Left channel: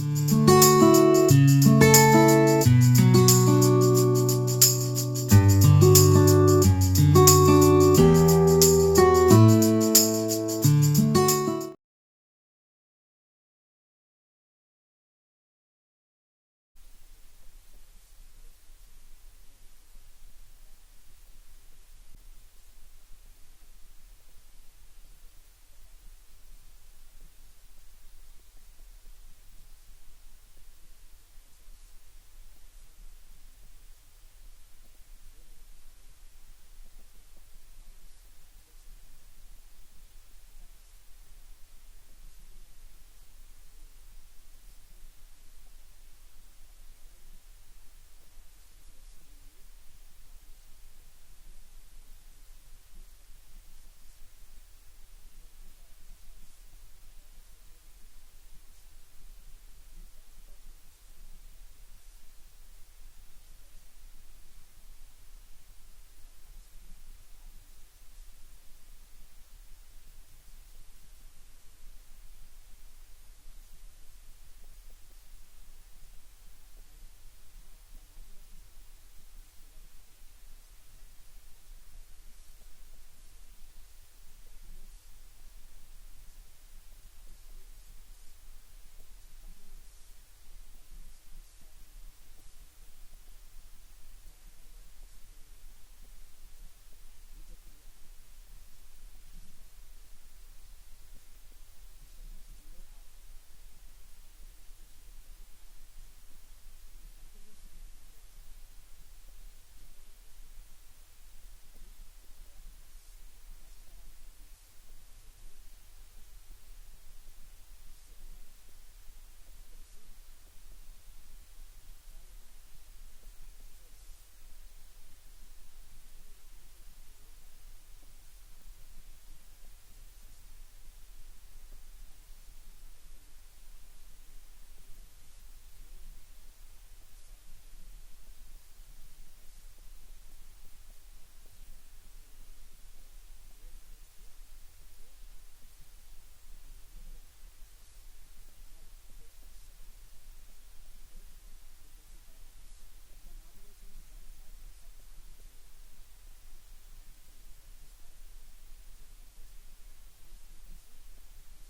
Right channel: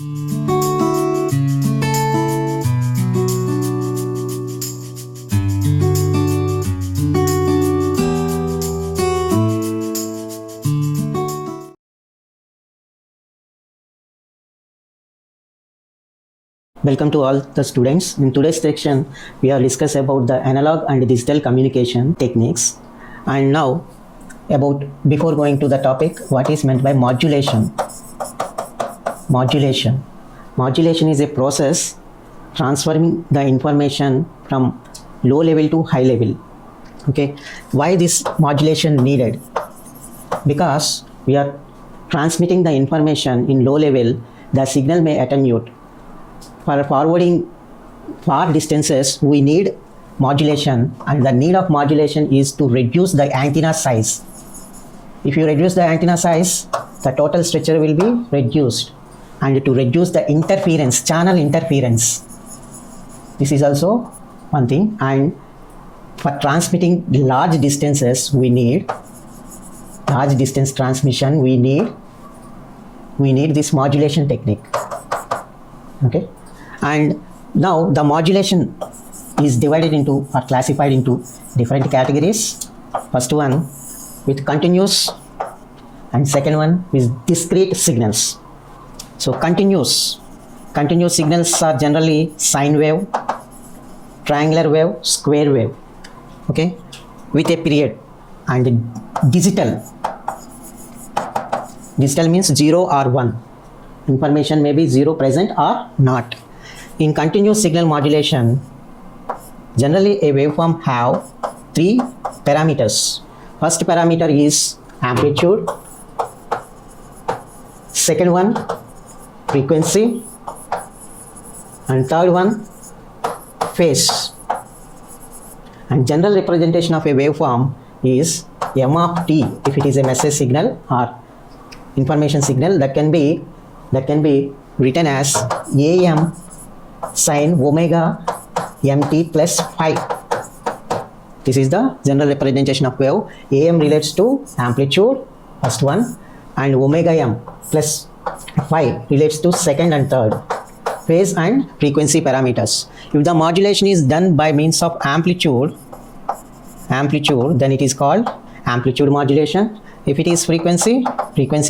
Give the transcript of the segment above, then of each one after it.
Welcome to all the students. In today's section, we are discuss about the analog and digital communication techniques. And now, before going to the topic, what is meant by modulation? Modulation. Modulation is a process transforming the information from low level to high level. Okay. Why this modulation needed? Because we are transmitting the information in low level, the signal may attenuate. For forwarding far distances, we need modulation, and the need of modulation is to reduce the antenna size. If you reduce the antenna size, the total structure will be reduced, and to reduce the interference, channel interference. This is also one thing. And for transmitting large distances, we need large distance transmission. We need this modulation technique. Okay. And now the modulation is divided into or classified into different categories. First one with continuous, and second one with discrete signals. So continuous signals are generally sine wave, triangular wave, square wave, okay, with a period. And digital means 0 or 1. Information may be 0 present or not. In continuous signal modulation, generally a waveform have 3 parameters. First parameter is amplitude, second one frequency, and third one phase. And general representation of a waveform is m of t if it is a message signal or information signal. That can be written as am sine omega mt plus phi. This is the general representation of wave. Am relates to amplitude, first one, and omega m plus phi relates to second and third. Phase and frequency parameters. If the modulation is done by means of amplitude, then it is called amplitude modulation. If it is frequency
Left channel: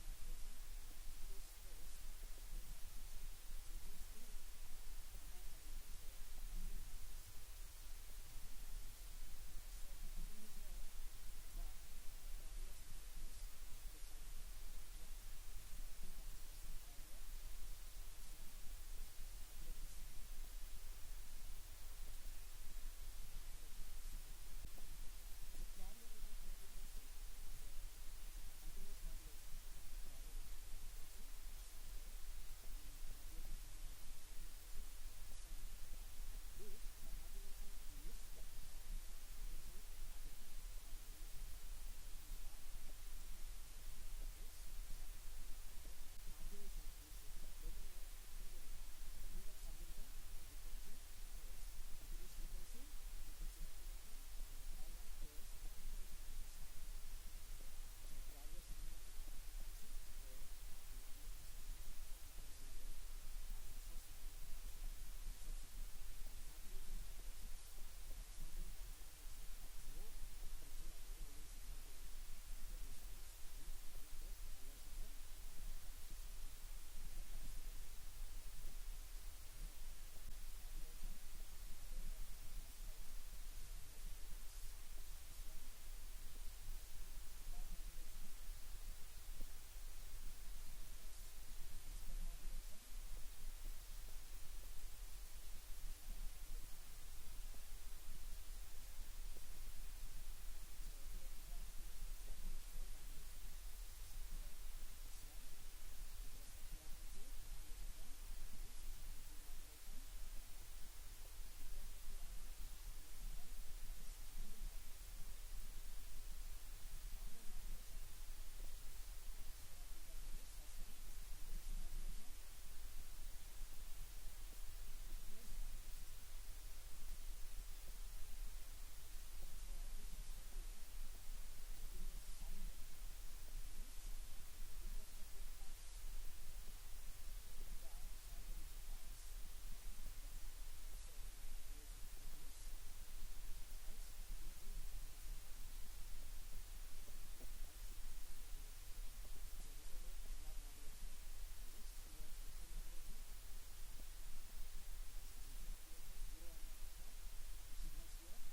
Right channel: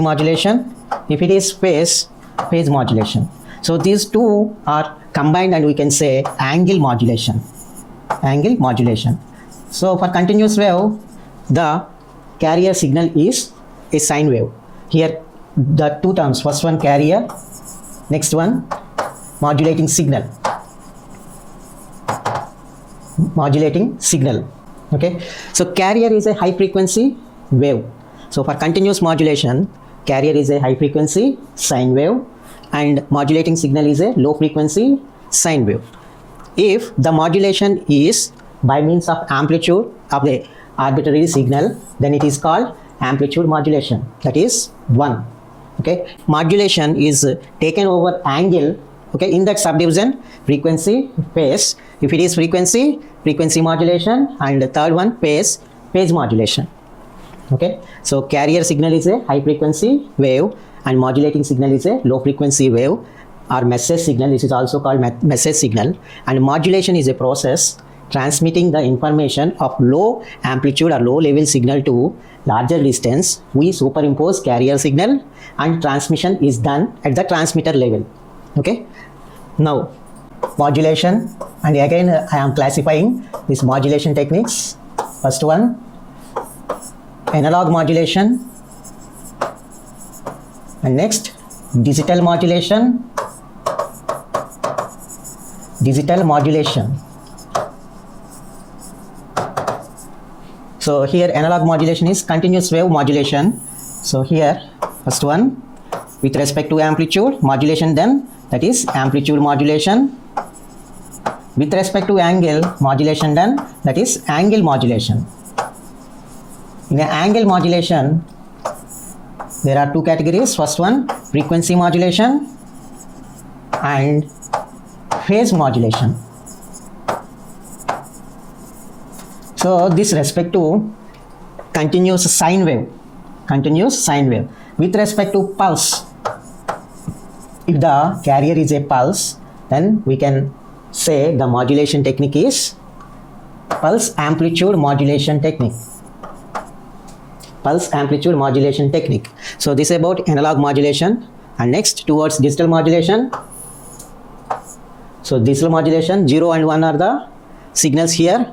modulation. If it is phase modulation. So these two are combined, and we can say angle modulation. So for continuous wave, the carrier signal is a sine wave. Here the two terms, first one carrier, next one modulating signal. Okay, so carrier is a high frequency wave. So for continuous modulation, carrier is a high frequency sine wave, and modulating signal is a low frequency sine wave. If the modulation is by means of amplitude of the arbitrary signal, then it is called amplitude modulation. That is 1. Okay, modulation is taken over angle. Okay, in that subdivision, frequency, phase. If it is frequency modulation, and the third one phase modulation. Okay, so carrier signal is a high frequency wave, and modulating signal is a low frequency wave or message signal. This is also called message signal. And modulation is a process transmitting the information of low amplitude or low level signal to larger distance. We superimpose carrier signal, and transmission is done at the transmitter level. Okay, now modulation, and again I am classifying these modulation techniques. First one, analog modulation, and next digital modulation. So here analog modulation is continuous wave modulation. So here first one with respect to amplitude modulation, then that is amplitude modulation. With respect to angle modulation, then that is angle modulation. In an angle modulation, there are two categories. First one, frequency modulation and phase modulation. So this respect to continuous sine wave. With respect to pulse, if the carrier is a pulse, then we can say the modulation technique is pulse amplitude modulation technique. Pulse amplitude modulation technique. So this is about analog modulation, and next towards digital modulation. So digital modulation, 0 and 1 are the signals here,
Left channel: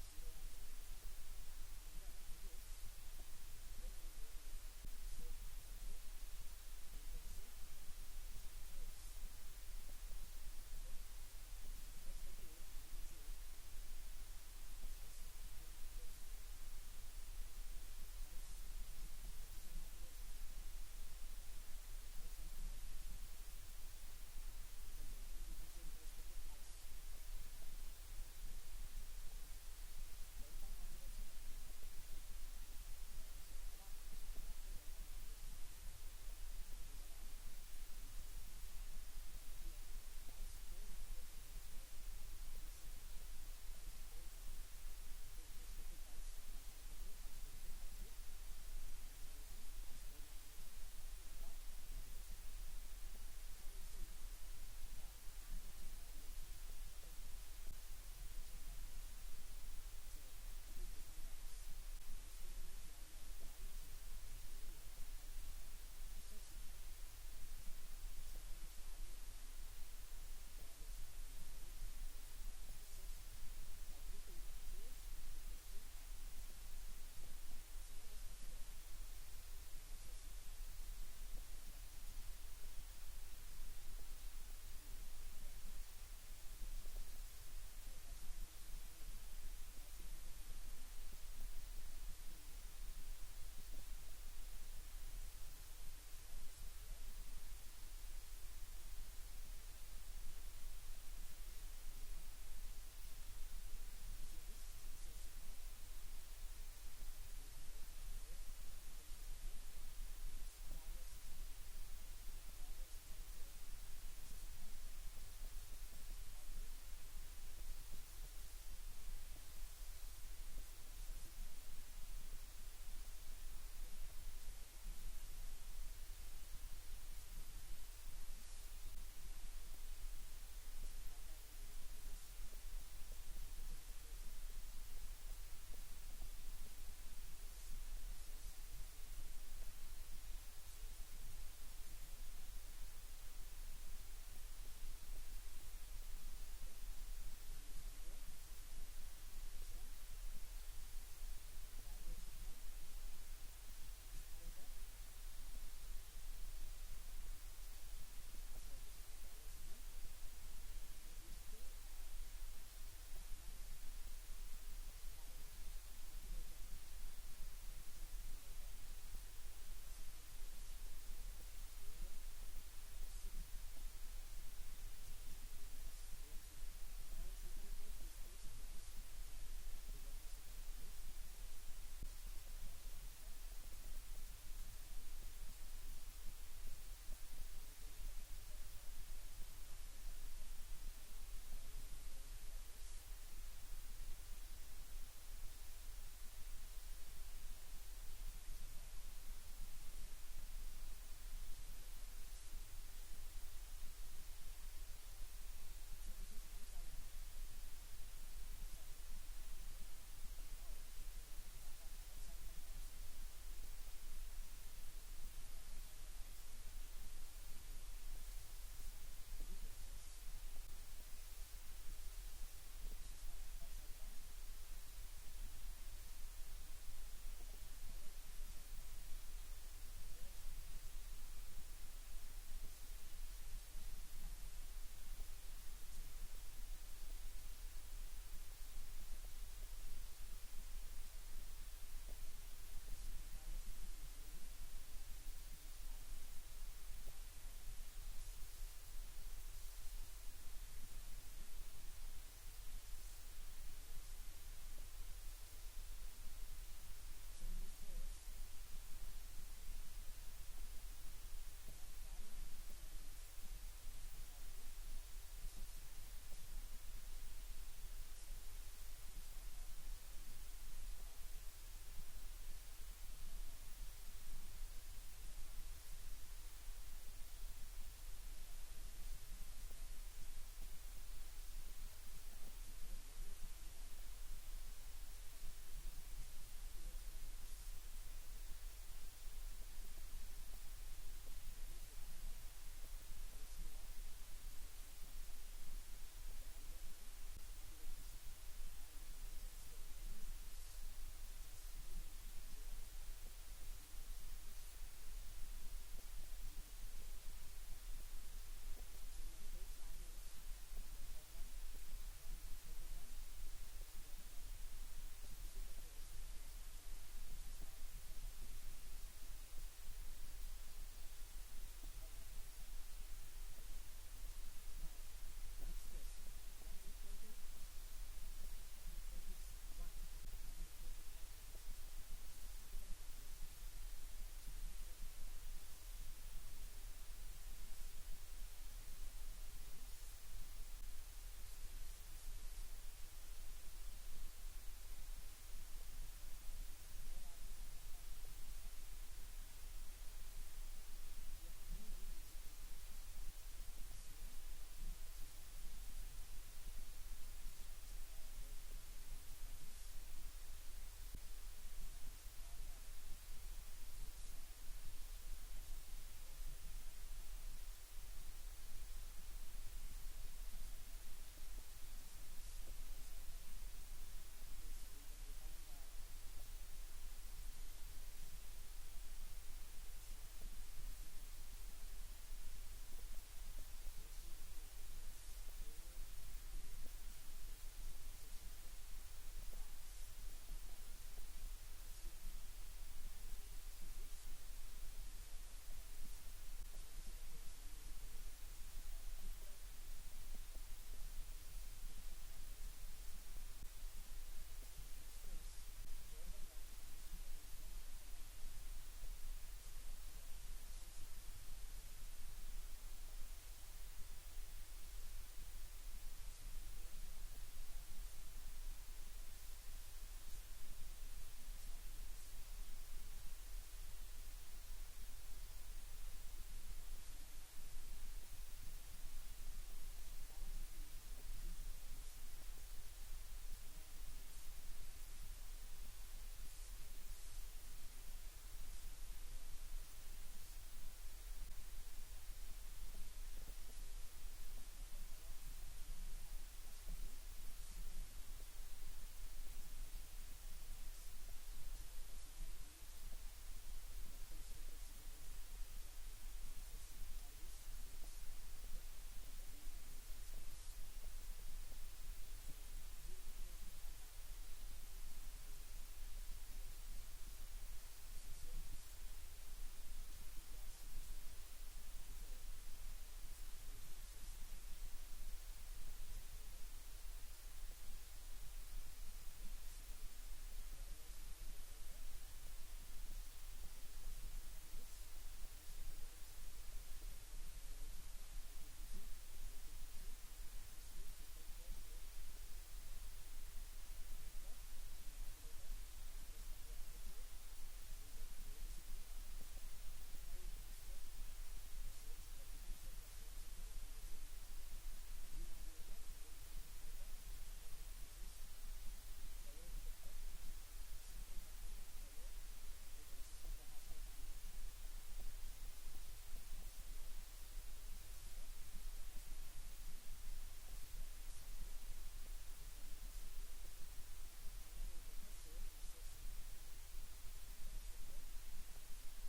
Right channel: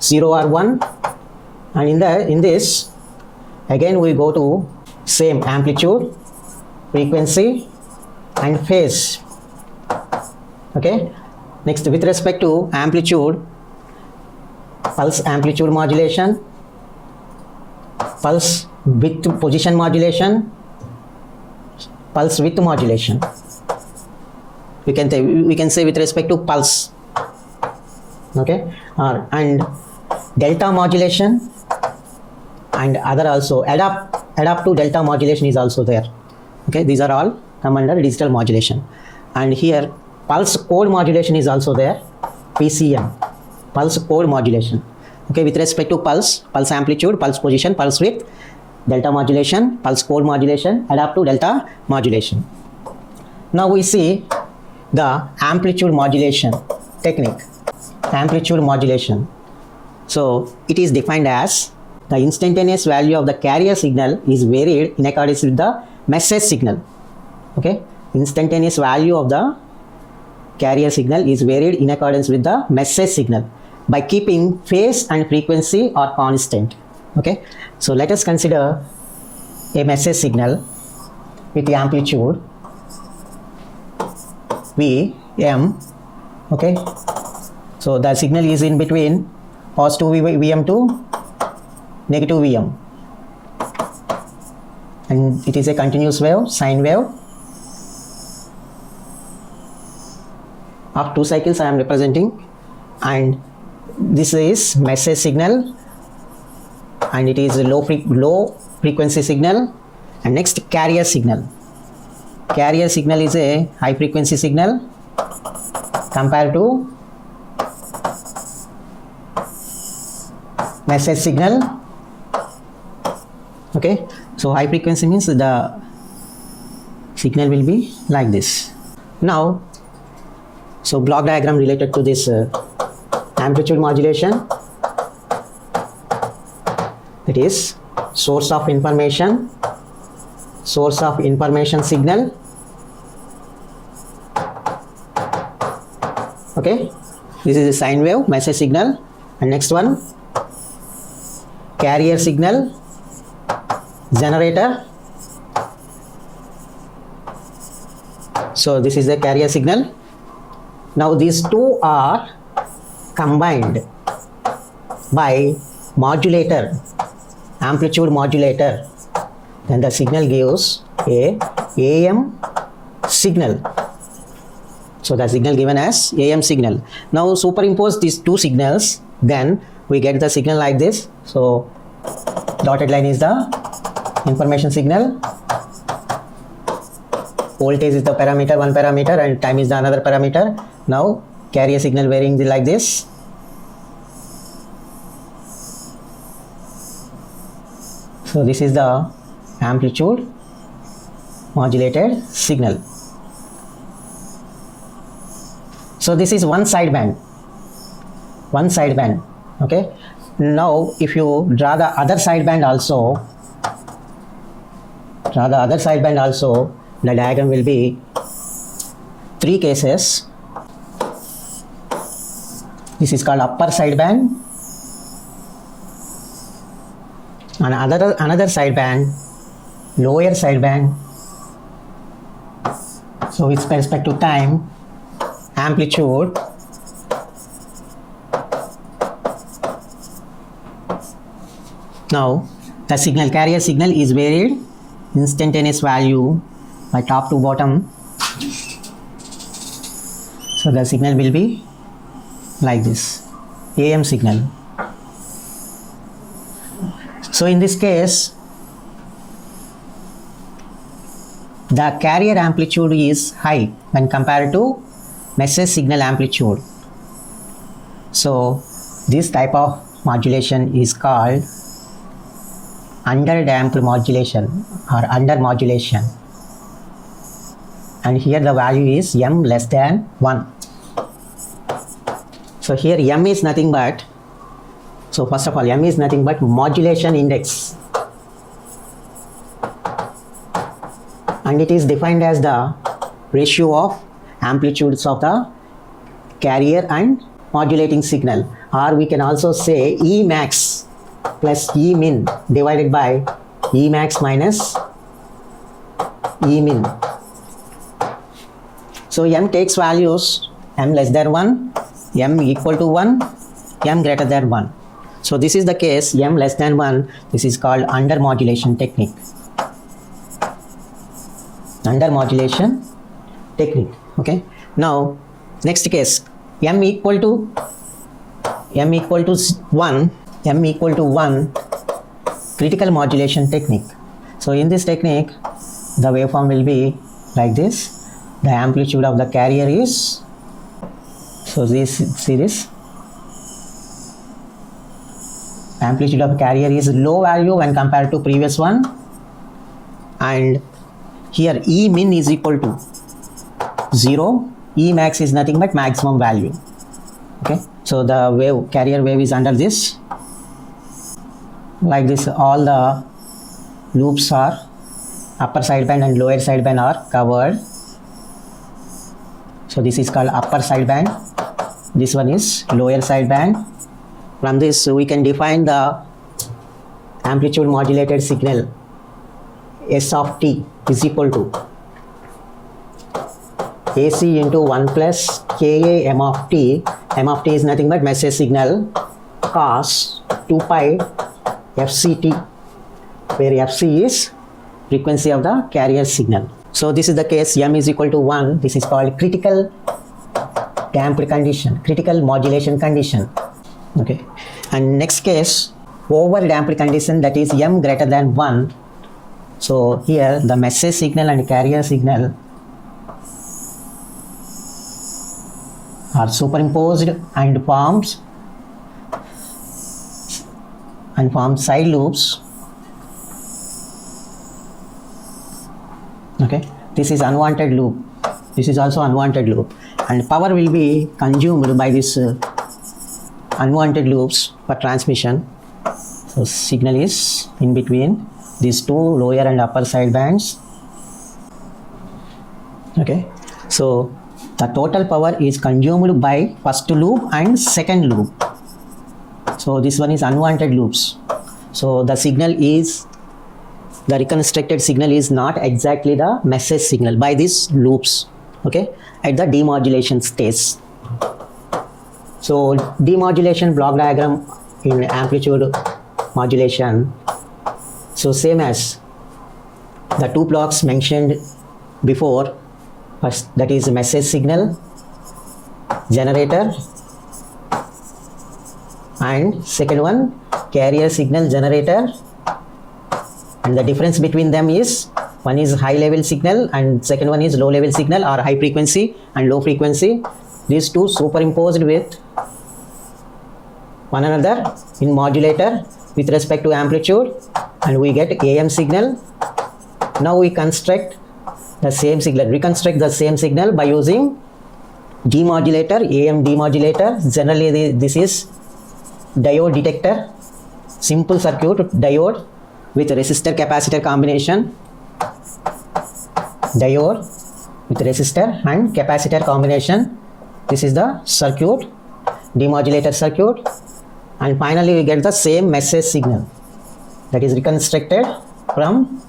0 or 1, and in this again we go to same amplitude, frequency and phase. Okay, next with respect to amplitude, pulse amplitude modulation, pulse width position modulation, pulse width modulation. We can say with respect to pulse. Okay, and delta modulation and other also adapt to delta modulation is also there. Okay, these are all come under digital modulation. And here pulse code modulation is also there, PCM, pulse code modulation. Okay, with respect to pulse amplitude, pulse position, pulse width, delta modulation, pulse code modulation, adapt to delta modulation. Now we see the amplitude modulation technique. Amplitude modulation. So it is defined as the instantaneous value of the carrier signal is varied in accordance with the message signal. Okay, instantaneous value of the carrier signal is varied in accordance with the message signal by keeping phase and frequency are constant. Okay, so let us consider a message signal with the amplitude Vm. Okay, so the signal is in between positive Vm to negative Vm, and it is a continuous wave, sine wave. Of 2 cycles I am representing, and this is message signal, and it is a low frequency signal. And next, carrier signal. Carrier signal is a high frequency signal compared to message signal. Okay, so high frequency means the signal will be like this. Now, so block diagram related to this amplitude modulation. It is source of information signal. Okay, this is a sine wave message signal, and next one carrier signal, generator. So this is the carrier signal. Now these two are combined by modulator, amplitude modulator, then the signal gives a AM signal. So the signal given as AM signal. Now superimpose these two signals, then we get the signal like this. So dotted line is the information signal, voltage is the parameter, one parameter, and time is the another parameter. Now carrier signal varying like this. So this is the amplitude modulated signal. So this is one sideband. Okay, now if you draw the other sideband also, the diagram will be 3 cases. This is called upper sideband, and another sideband, lower sideband. So with respect to time, amplitude, now the signal, carrier signal is varied instantaneous value by top to bottom. So the signal will be like this, AM signal. So in this case, the carrier amplitude is high when compared to message signal amplitude. So this type of modulation is called underdamped modulation or under modulation. and here the value is m less than 1. So here m is nothing but, so first of all, m is nothing but modulation index, and it is defined as the ratio of amplitudes of the carrier and modulating signal, or we can also say E max plus E min divided by E max minus E min. So m takes values m less than 1, m equal to 1, m greater than 1. So this is the case m less than 1. This is called under modulation technique. Under modulation technique. Okay. Now next case, m equal to 1, m equal to 1, critical modulation technique. So in this technique, the waveform will be like this. The amplitude of the carrier is, so this, see this, amplitude of carrier is low value when compared to previous one, and here E min is equal to 0, E max is nothing but maximum value. Okay, so the wave, carrier wave is under this, like this. All the loops are, upper sideband and lower sideband are covered. So this is called upper sideband, this one is lower sideband. From this we can define the amplitude modulated signal S of t is equal to AC into 1 plus Ka m of t. M of t is nothing but message signal cos 2 pi FCT, where FC is frequency of the carrier signal. So this is the case m is equal to 1. This is called critical damped condition, critical modulation condition. Okay, and next case, over damped condition, that is m greater than 1. So here the message signal and carrier signal are superimposed and forms side loops. Okay, this is unwanted loop, this is also unwanted loop, and power will be consumed by this unwanted loops for transmission. So signal is in between these two lower and upper side bands. Okay, so the total power is consumed by first loop and second loop. So this one is unwanted loops. So the signal is, the reconstructed signal is not exactly the message signal by these loops. Okay, at the demodulation stage. So demodulation block diagram in amplitude modulation. So same as the two blocks mentioned before. First, that is message signal generator, and second one carrier signal generator, and the difference between them is one is high level signal and second one is low level signal, or high frequency and low frequency. These two superimposed with one another in modulator with respect to amplitude, and we get AM signal. Now we construct the same signal, reconstruct the same signal by using demodulator, AM demodulator. Generally this is diode detector, simple circuit diode with resistor capacitor combination, diode with resistor and capacitor combination. This is the circuit, demodulator circuit, and finally we get the same message signal that is reconstructed from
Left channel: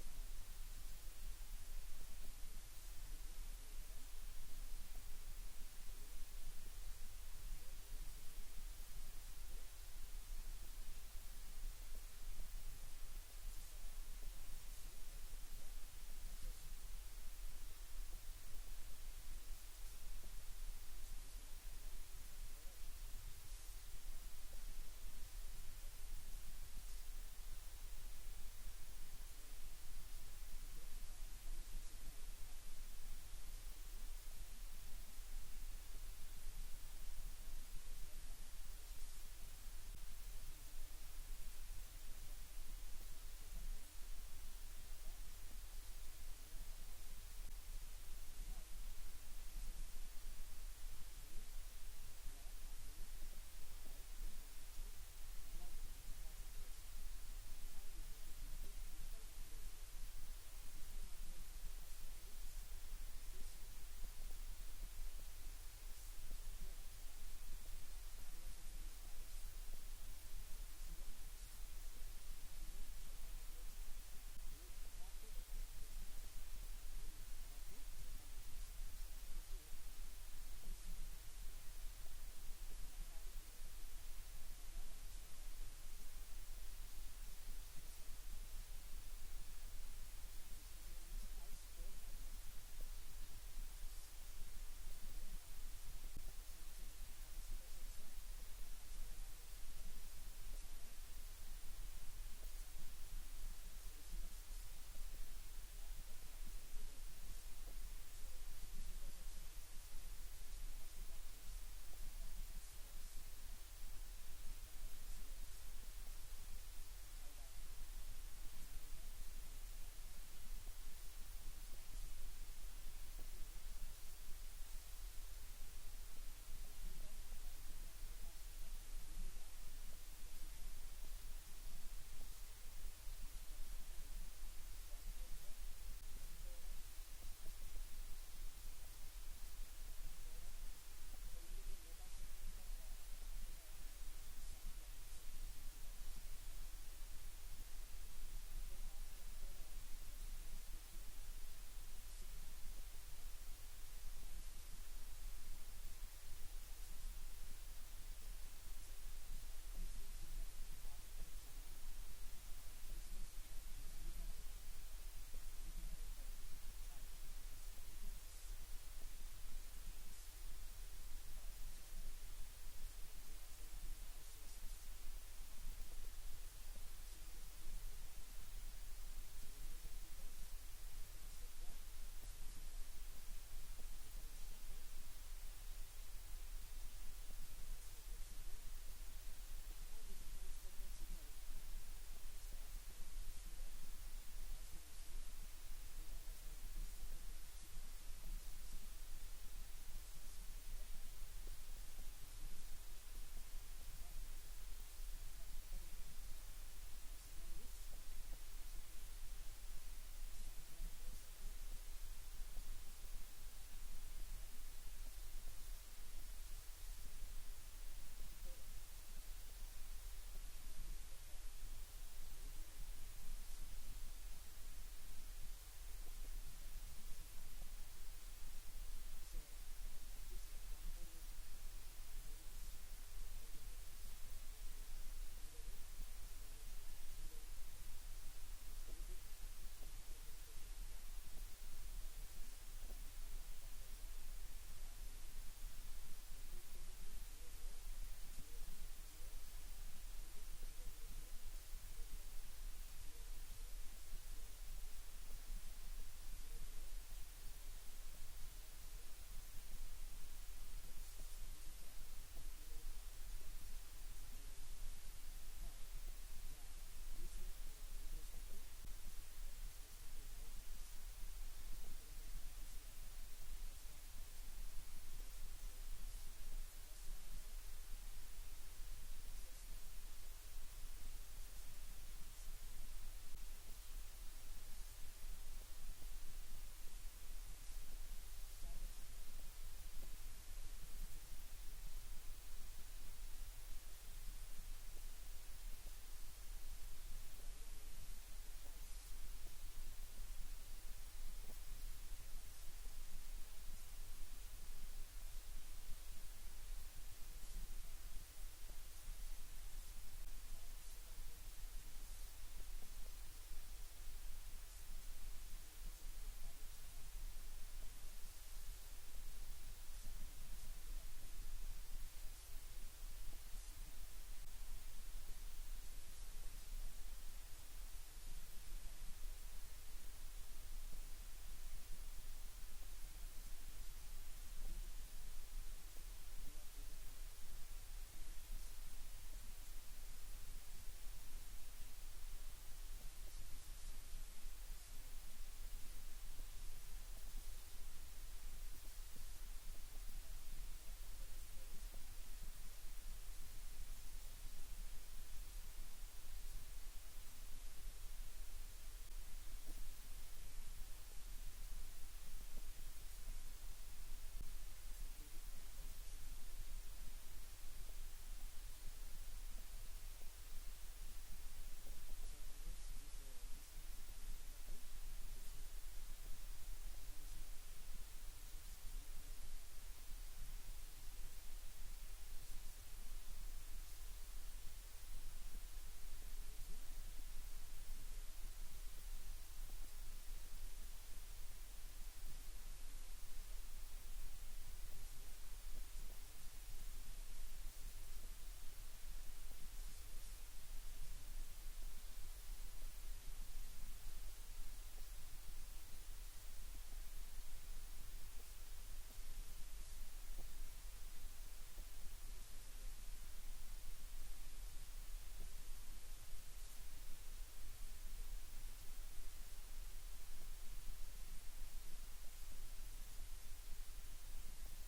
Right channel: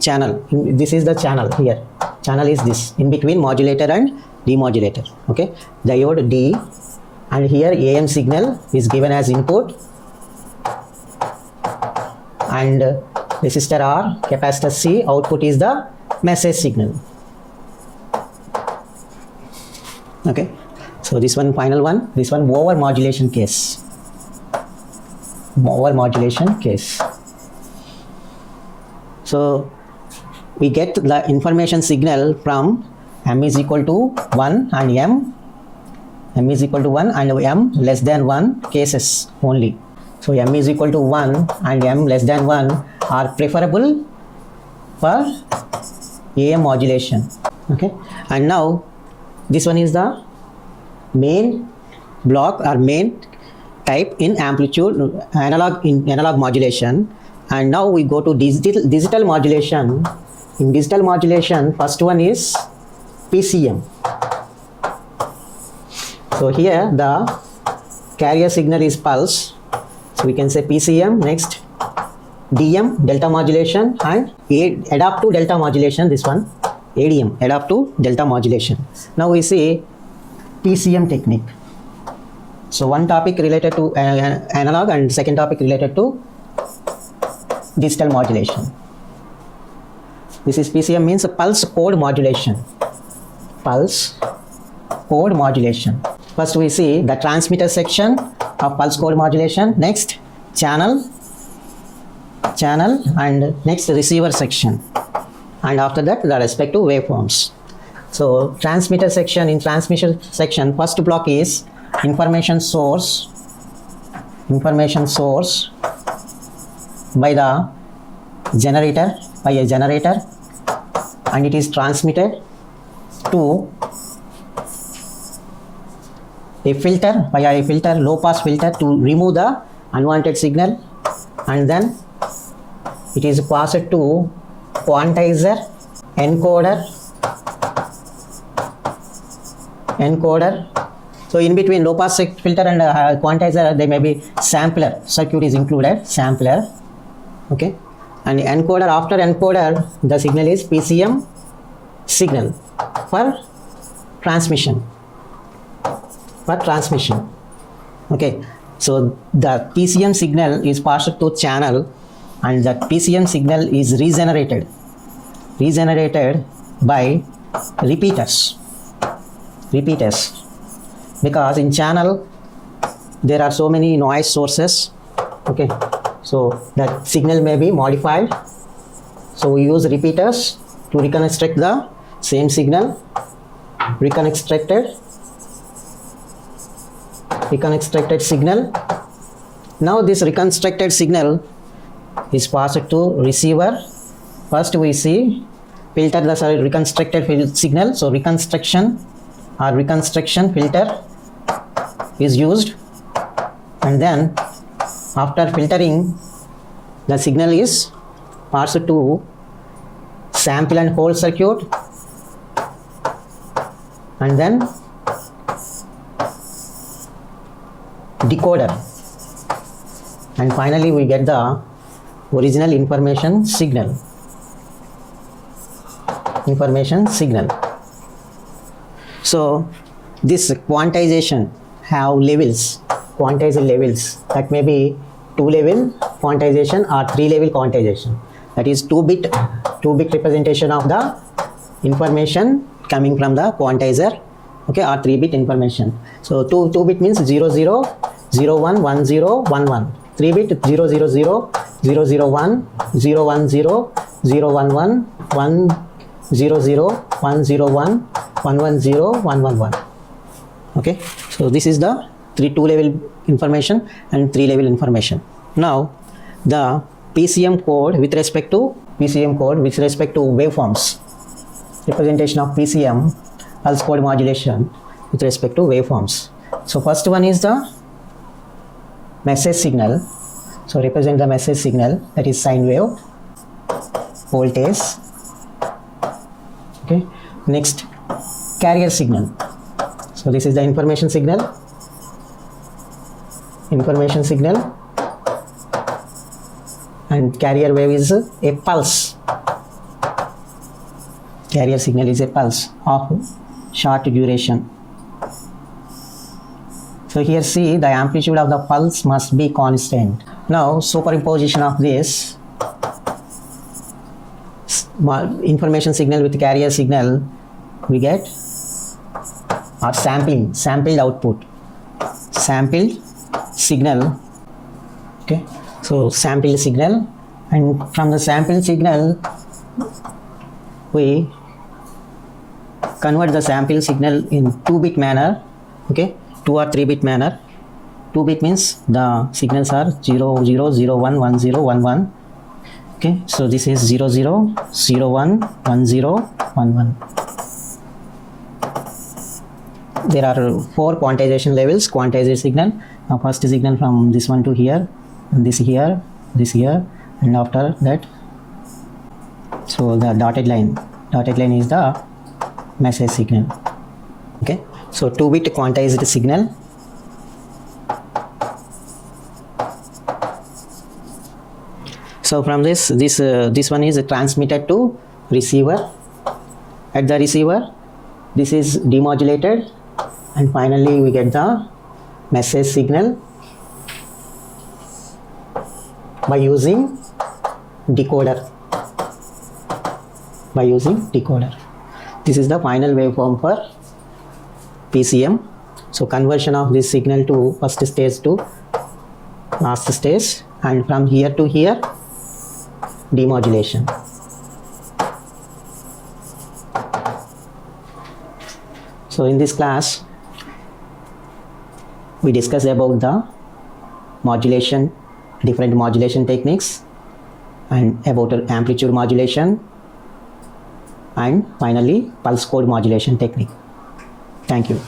channel. This is the channel here. Channel is this in between modulator and demodulator. Okay, diode D, and here AM signal is given as input, and resistor R, capacitor C, output is the message signal. Okay, so this one final one, this one over modulation case. Over modulation case. So we get the information signal from m is equal to 1 and m is equal to 1 and m less than 1 cases only. So m is equal to 1 and m less than 1 are preferable for AM modulation. Okay, and now this one is the main block or main type in amplitude analog modulation. And now we go to digital modulation. In digital modulation, first one is PCM. So here the carrier signal is pulse, so we can say PCM. Next DM, delta modulation, and adaptive delta modulation, this one ADM, adaptive delta modulation. Now we see PCM technique. So one topic related to analog and second topic related to digital modulation. This is PCM, means a pulse code modulation. Pulse code modulation. First we see the transmitter section of pulse code modulation. Next channel, and next receiver section, and after that the respective waveforms. So transmitter section, in transmission section, first block is information source by the generator, and it is transmitted to a filter, via a filter, low pass filter, to remove the unwanted signal, and then it is passed to quantizer, encoder. So in between low pass filter and quantizer, there may be sampler circuit is included, sampler. Okay, and encoder, after encoder the signal is PCM signal for transmission. Okay, so the PCM signal is passed to channel, and that PCM signal is regenerated by repeaters, because in channel there are so many noise sources. Okay, so that signal may be modified, so we use repeaters to reconstruct the same signal, reconstructed signal. Now this reconstructed signal is passed to receiver. First we see filter the reconstructed signal, so reconstruction filter is used, and then after filtering the signal is passed to sample and hold circuit, and then decoder, and finally we get the original information signal. So this quantization have levels, that may be 2-level quantization or 3-level quantization. That is 2-bit representation of the information coming from the quantizer, okay, or 3-bit information. So 2-bit means 00, 01, 10, 11. 3-bit 000, 001, 010, 011, 100, 101, 110, 111. Okay, so this is the 2-level information and 3-level information. Now the PCM code with respect to waveforms, representation of PCM, pulse code modulation, with respect to waveforms. So first one is the message signal. So represent the message signal, that is sine wave, voltage. Okay, next carrier signal. So this is the information signal, and carrier wave is a pulse. Carrier signal is a pulse of short duration. So here see the amplitude of the pulse must be constant. Now superimposition of this information signal with carrier signal, we get or sampled output, sampled signal. Okay, so sampled signal, and from the sampled signal we convert the sample signal in 2-bit manner. Okay, 2 or 3-bit manner. 2-bit means the signals are 0, 0, 0, 1, 1, 0, 1, 1. Okay, so this is 0 0 0 1 1 0 1 1. There are 4 quantization levels. Quantized signal. Now first signal from this one to here, and this here, and after that, so the dotted line is the message signal. Okay, so 2-bit quantized signal. So from this one is transmitted to receiver. At the receiver, this is demodulated, and finally we get the message signal by using decoder. This is the final waveform for PCM. So conversion of this signal to first stage to last stage, and from here to here, demodulation. So in this class, we discussed about the modulation, different modulation techniques, and about amplitude modulation, and finally pulse code modulation technique. Thank you.